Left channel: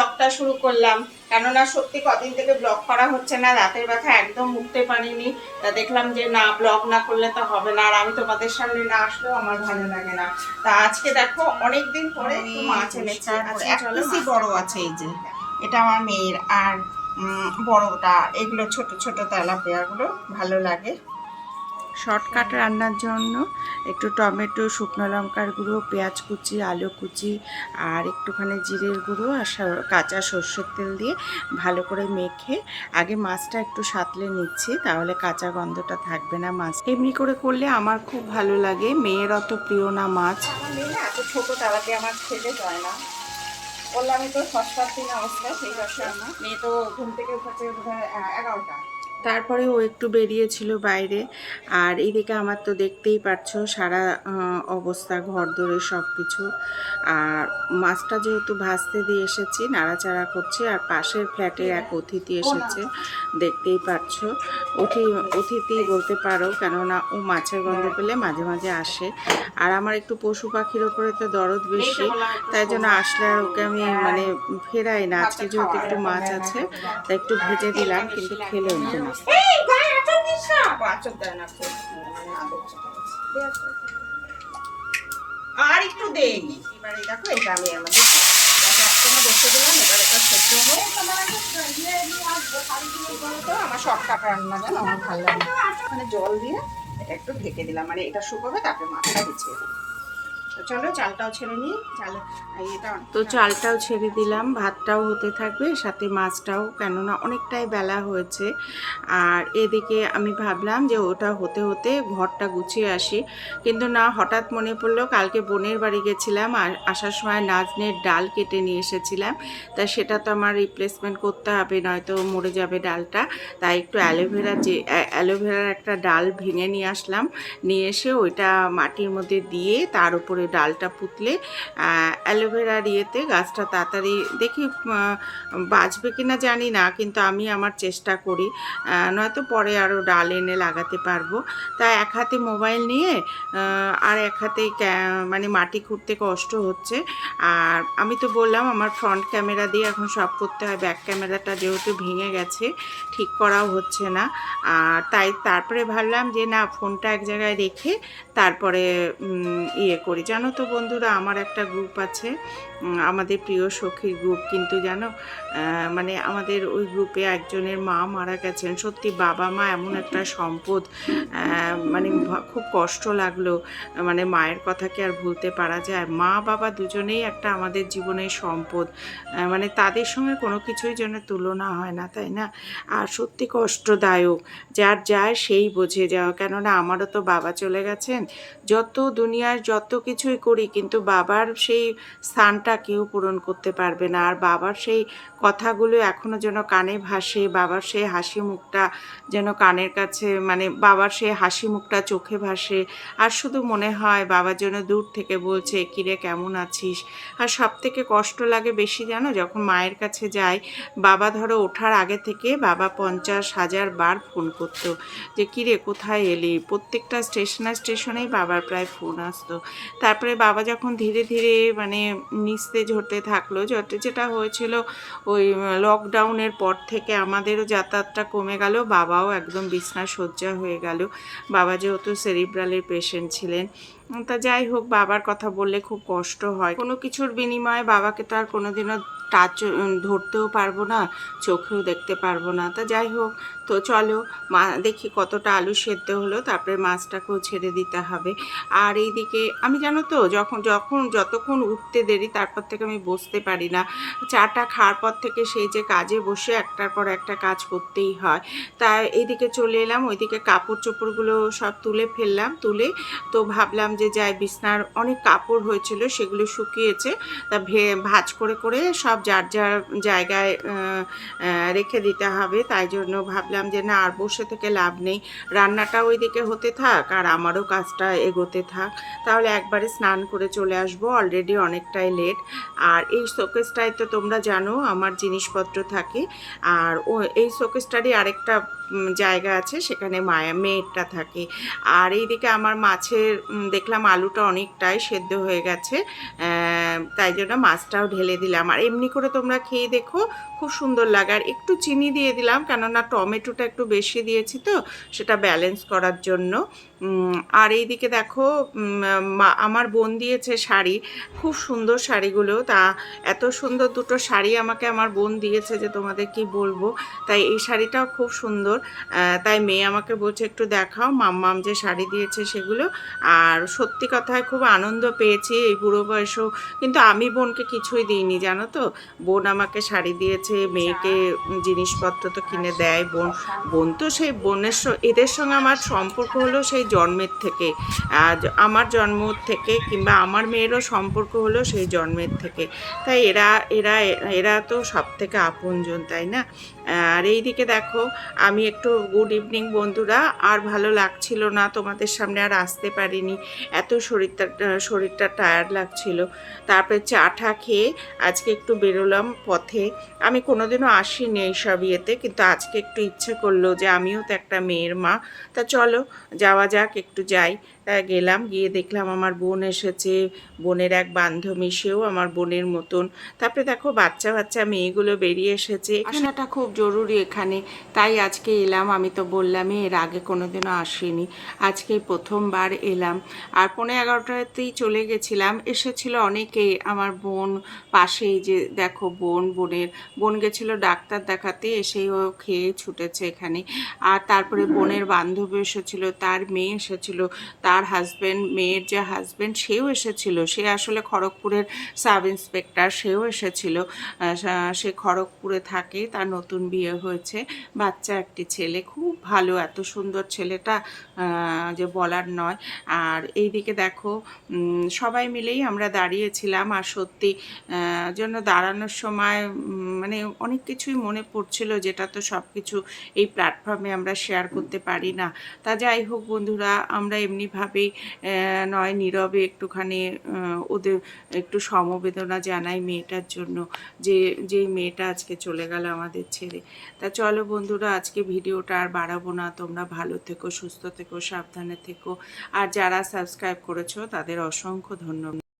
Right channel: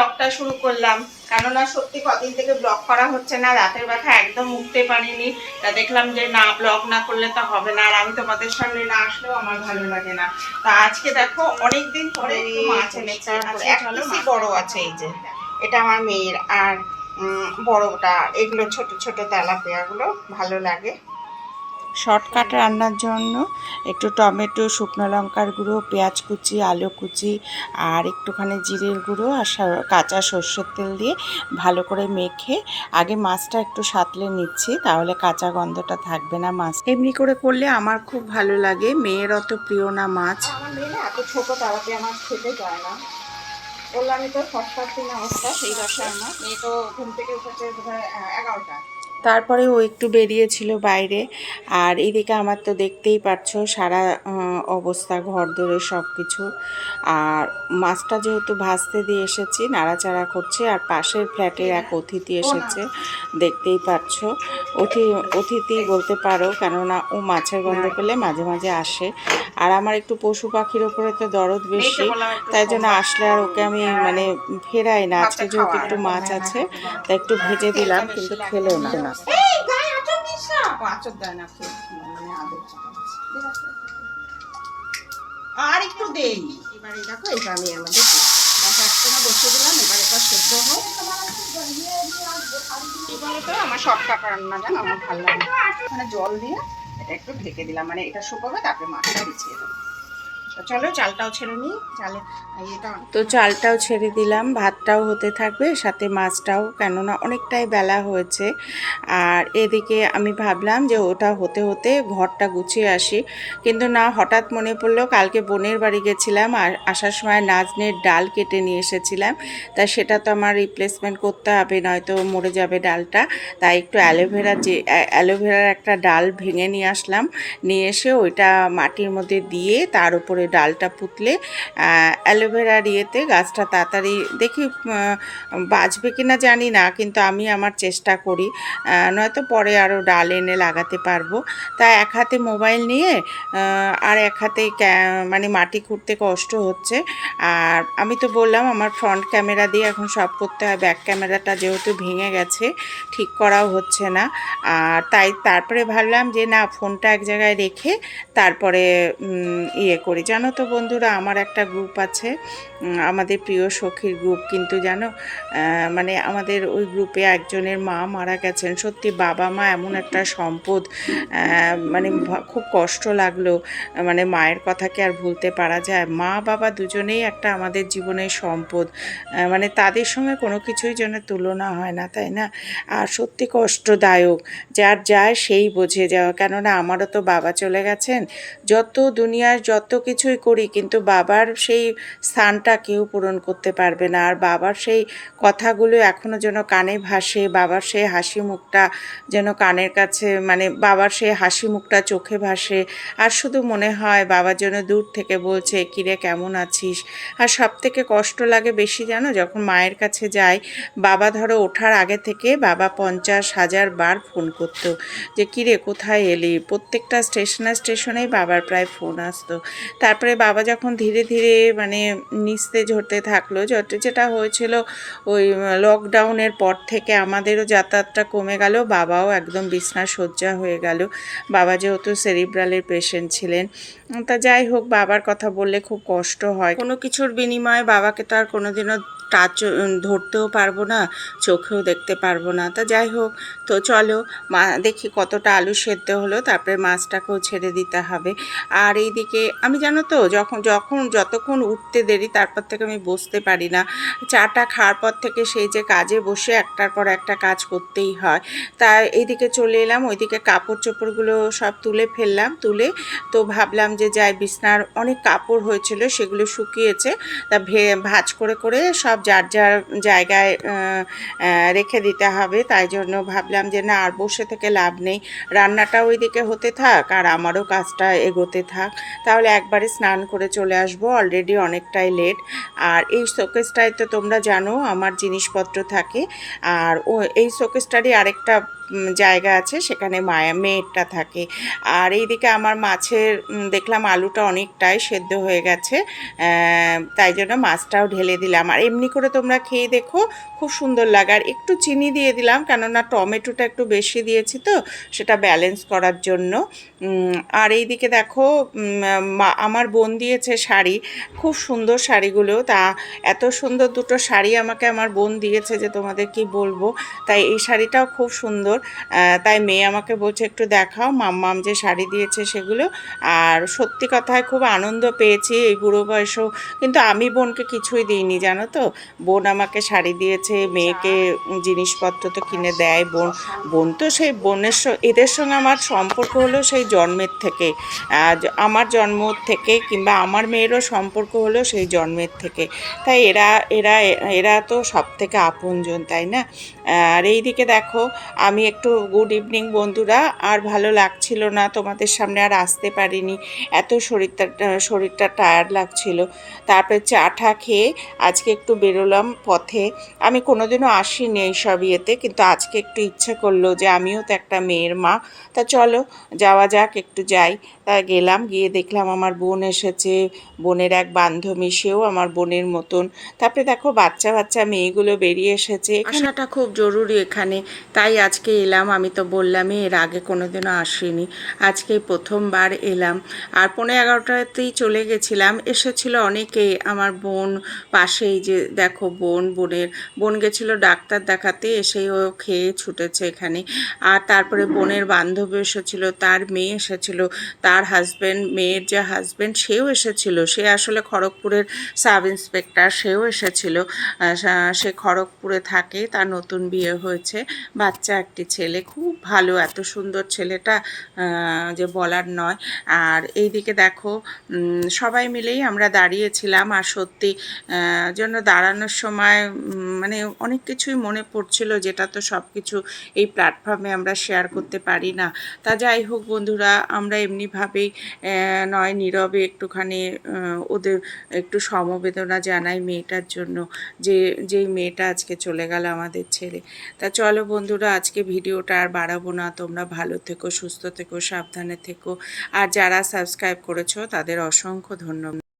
ব্লগটা শুরু করলাম, কেননা সত্যি কদিন থেকে ব্লগ করা হচ্ছে না, রাতের ব্যথা একদম উঠতে পারিনি। তা দেখলাম যে না, ব্লগ না করলে তো হবে না, আর আমি তোমাদের সামনে না আসলেও আমার ভালো লাগে না। তা আজকে দেখো অনেকদিন পরে একটু মাছ এনেছে, এক পিসি বড় আছে, এই যে এটা আমার মেয়ের, আর বড়টা, এগুলো ছোট ছোট তেলাপিয়াগুলো ভালো লাগে। শর্টকাট রান্নার জন্য একটু টমেটো, শুকনো লঙ্কার গুঁড়ো, পেঁয়াজ কুচি, আলু কুচি আর একটুখানি জিরের গুঁড়ো আর কাঁচা সর্ষের তেল দিয়ে ভালো করে মেখে আগে মাছটা একটু সাঁতলে নিচ্ছি, তাহলে কাঁচা গন্ধটা থাকবে না। মাছ এমনি করে করলে আমার খুব ভালো লাগে, মেয়ের অত প্রিয় না মাছ। আমার মেয়ে এত ছোটো তালাকে আমার খেতে যায় না, বললামই তো সস্তার দিন অবস্থা, সেই দশা আমার মেয়ে তো ঘুম থেকে উঠেছে 11টা। তারপরে ও একটু বেরিয়েছিল বাইরে, আর এদিকে আমার তো দেখতেই পাচ্ছ সারা অবস্থা, ঘর দোরে সব কিছু। আর মাছটা যেহেতু ভাজতে দিয়ে এসেছি, নাড়াচাড়া করছে, আর পাশের ফ্ল্যাটের এক অতিথি এসেছে, দেখতেই পাচ্ছ। অতিথি বলতে পারো, কেননা ও মাছের গন্ধ পেলে মাঝে মাঝে আসে। আর আমার একটু পশু পাখির ওপরে তো দরদ বেশি, তাই জন্য আসলে আর ওকে আমি মানে ফেরাই না। আজকে যেহেতু একটু মাছ আছে তাই একটু ভেজে দিলাম, কিন্তু খেলেও না। আর একটু দেই, এবারে দেখো এটা আমি আমাদের বসে দিলাম, এবার এটা সেদ্ধ হয়। আমার শর্টকাট রান্না, জানো আমার ভালো লাগে। মানে জল দিয়ে এটা একটু ঢেকে দিলাম, মানে এটা শুকোবে, তারপরে মাছটা বিছিয়ে দেবো। চলো চালটাও ছেড়ে নিই, চালটাও ছেড়ে দিলাম, ভাতটাও হতে থাকবে, সাথে মাছটাও, কেননা অনেকটাই বেলা হয়েছে। আর এদিকে আমি ভাবলাম যে ওটা হতে হতে ঘরটা গুছিয়ে আসি, কিন্তু না, হঠাৎ মনে পড়লো কালকে বোনের বাড়ি গেছিলাম, আর আসার সময় নাজনের ডাল কেটে নিয়ে এসেছিলাম, তা সেটা তো আমার রিপ্লেসমেন্ট করতে হবে, নয়তো মরে যাবে ডালটা। তাই একটু অ্যালোভেরার একটা ডাল ভেঙে নিয়ে আসলাম, নিয়ে এসে ওইটা মাটির মধ্যে দিয়ে তার উপরে ডালটা পুঁতলে অ্যালোভেরার ইয়েতে গাছটা তাড়াতাড়ি, দেখি বাঁচবে কিনা জানি না, কিন্তু আমি আমার চেষ্টা করি, নয়তো পরে আরও ডাল এনে লাগাতে পারবো। তা এক হাতে মোবাইল নিয়ে আর এক হাতে মানে মাটি খুঁড়তে কষ্ট হচ্ছে। আর আমি তো বললাম আমার ফ্রন্ট ক্যামেরা দিয়ে এখন সব করতে হয়, ব্যাক ক্যামেরাটা যেহেতু ভেঙে গেছে, ঠিক করাও হচ্ছে না। আর তারপরে ভাবলাম যে না, ফোনটা এক জায়গায় রেখে তারপরে ইয়ে করি। জানো তো বন্ধুরা, আমার একটা গ্রুপ আছে, আমাদের প্রিয় সখীর গ্রুপ, কিন্তু জানো মানে আমাদের ওই গ্রুপে একজনের মা মারা গেছেন। সত্যি বাবা মা এমন একটা সম্পদ, মানে খুব কষ্ট লাগলো, মানে মায়ের কথা কি আর ভুলতে পারা যায়? মা বাবা দুজনেই একটা আমাদের জীবনের সম্পদ, মানে তাদের সঙ্গে কোনো কিছুই যেন তুলনা হয় না, তাই না? আর সত্যি কষ্টদায়ক, যার যায় সেই বোঝে যাওয়া, কেননা আমারও তো বাবা চলে গেছেন। যত দুনিয়ার যত কিছুই করি, কিন্তু বাবার সেই স্থানটা কেউ পূরণ করতে পারবে না। আর বাবার সেই কথাগুলো এখনও যেন কানে ভাসে, বাবার সেই হাসি মুখটা যেন কানের কাছে, মানে বাবার সেই হাসি মুখটা চোখে ভাসে, আর শুধু মনে হয় বাবার জন্য দূর থেকে বলছে কিরে কেমন আছিস। আর সব থেকে কষ্ট লাগে বেশি জানো, যখন মায়ের কাছে যাই, বাবা ধরো ওঠার আগে থেকে বাবা 50,000 বার ফোন করতো যে কিরে কোথায় এলি, প্রত্যেকটা স্টেশনেই বাবার প্রায় ফোন আসতো। তারপরে বাবা যখন ধীরে ধীরে মানে নিস্তেজ হতে থাকলো, যেটা হয়েছিল ওই লকডাউনের পর থেকে আমাদেরও যাতায়াতটা কমে গেল, বাবাও একদম বিছনা শয্যা হয়ে গেল। বাবা যেহেতু সেরিব্রালের পেশেন্ট ছিলেন, তা যাই হোক, বাবার কথা বললে খুব কষ্ট হয়। কোনো কিছুর বিনিময়ে বাবাকে তো আর কোনোদিনও ধরতেও পারবো না, চোখেও দেখতে পারবো না। তা যাই হোক, তো চলো দেখি কতটা আলু সেদ্ধ হলো, তারপরে মাছটাকেও ছেড়ে দিতে হবে। আর এইদিকে আমি জানো তো, যতক্ষণ উঠতে দেরি, তারপর থেকে আমি বসতে পারি না। চাটা খাওয়ার পর থেকে সেই যে কাজে বসে একটার পর একটা কাজ করতেই হয়। তাই এইদিকে চলে এলাম, ওইদিকে কাপড় চোপড়গুলো সব তুলে ফেললাম, তুলে তো ভাবলাম যে যাই, বিছনার অনেক কাপড় হয়েছিল সেগুলো শুকিয়েছে, তা ভাঁজ করে করে সব যার যার জায়গায় রেখে দিতে হবে। তাই জন্য ভাবলাম যে না, আর বসে থেকে লাভ নেই, রান্নাটা ওইদিকে হতে থাক আর আমারও কাজটা এগোতে থাক, তাহলে একবারে স্নান করে চলে আসবো, অলরেডি অনেকটাই লেট। আর এই শোকেসটায় তো তোমরা জানো আমার জিনিসপত্র থাকে, আর এই শোকেসটারই আরেকটা জায়গা আছে, সেখানে মেয়েরটা থাকে। আর এইদিকে আমার মাছের দেখলাম আলুটা অনেকটাই সেদ্ধ হয়ে গেছে, তাই জন্য মাছটাও ঢেলে দিলাম। আর এমনি করে তোমরা খেয়ে দেখো, খুব সুন্দর লাগে। আর একটু চিনি দিয়ে দিলাম, কেননা টমেটোটা একটু বেশি দিয়েছি তো, সেটা ব্যালেন্স করার জন্য। আর এইদিকে দেখো আমার বোন দিয়েছে শাড়ি, খুব সুন্দর শাড়িগুলো। তা এত সুন্দর দুটো শাড়ি আমাকে আমার বোন দিয়েছে যে তোমাদের কি বলবো। তাই এই শাড়িটাও খুব সুন্দর। তাই মেয়ে আমাকে বলছে একটু দেখাও মাম্মাম যে শাড়ি দিয়েছে সেগুলো। আর সত্যি কথায় খুব আনন্দ পেয়েছি এই বুড়ো বয়সেও। কিন্তু আমি বোনকে কিছুই দিইনি, জানো তো। বোন আমাকে শাড়ি দিয়েছে, মেয়েকে জিনিসপত্র তো কিনে দেয় বোন। বোন তো সেই বোনের এদের সঙ্গে আমার সম্পর্ক হলো সেই জন্মের থেকে, আমার জন্ম থেকে, কিংবা আমার মেয়েরও সম্পর্ক হলো সেই জন্মের থেকে। তাই এরা এরা এরা তো সব থেকে আপনজন, তাই না? আর এইদিকে দেখো আমি একটু গুড ইভিনিং বন্ধুরা, আর ভালো লাগছিল না, তোমাদের সামনে আর আসতে পারিনি, এত শরীরটা টায়ার্ড লাগছিল। তারপরে চা টা খেয়ে আজকে একটু বেরোলাম পথে। আমি কোনোদিনও আসিনি এইসব ইয়েতে, কিন্তু আজকে একটু ইচ্ছে করলো যে আমিও তো একটা মেয়ের মা, তা চলো যাওয়া যাক, একটু যাই। তা গেলাম, গিয়ে দেখলাম আমার বোন এসেছে, বোনের এক বান্ধবী, সেও আমার বোনের মতন। তারপরে দেখো বাচ্চা বাচ্চা মেয়েগুলো বেরিয়ে এসেছে, আসাটা খুব জরুরি এখানে। তাই আজকে এলাম, আমি তো বললামই এর আগে কোনোদিনও আসিনি, আজকেই প্রথমবার এলাম। আর 11:30তেই চলে গেছিলাম। এসেছিল অনেকেই, আমার বোন পাশেই যে দেখো বোন গেছিলো ডাক্তার দেখাতে, এসেই ও খেয়ে ছুটেছে এখানে। আর তারপরে বোনের বান্ধবী এসেছিলো, তার মেয়ে এসেছিলো, তার হাজব্যান্ড, মেয়ের যে হাজব্যান্ড সেও এসেছিল। সে আসলে খড়গপুরের সাব ইন্সপেক্টর, সেও এসেছিল। সে খড়গপুরে থাকে, তার নতুন বিয়ে হয়েছে, বাচ্চা একটি ছেলে, খুব ভালো, এত সুন্দর ছেলেটা যে বলার নয়। আর এইদিকে দেখো সবাই মিলেই আমরা দাঁড়িয়েছিলাম। আর সত্যি জন্য দাঁড়ানোর সময় মানে অনেক কিছুই মনে পড়ছিল, যেটা তো সব কিছু এই প্ল্যাটফর্মে আমরা শেয়ার করতে পারি না। তা যাই হোক বন্ধুরা, আমরা এমনিভাবেই নয় নীরবে একটুখানি ওদের একটু সমবেদনা জানাই মেয়েটার জন্য, যেই মেয়েটা আজকে চলে গেল আমাদের ছেড়ে। তা চলো বন্ধুরা, আজকে ভিডিওটা আর বাড়াবো না। তোমরা ভালো থেকো, সুস্থ থেকো, সাবধানে থেকো। আর যারা সাবস্ক্রাইব করেছো তাদের অসংখ্য ধন্যবাদ।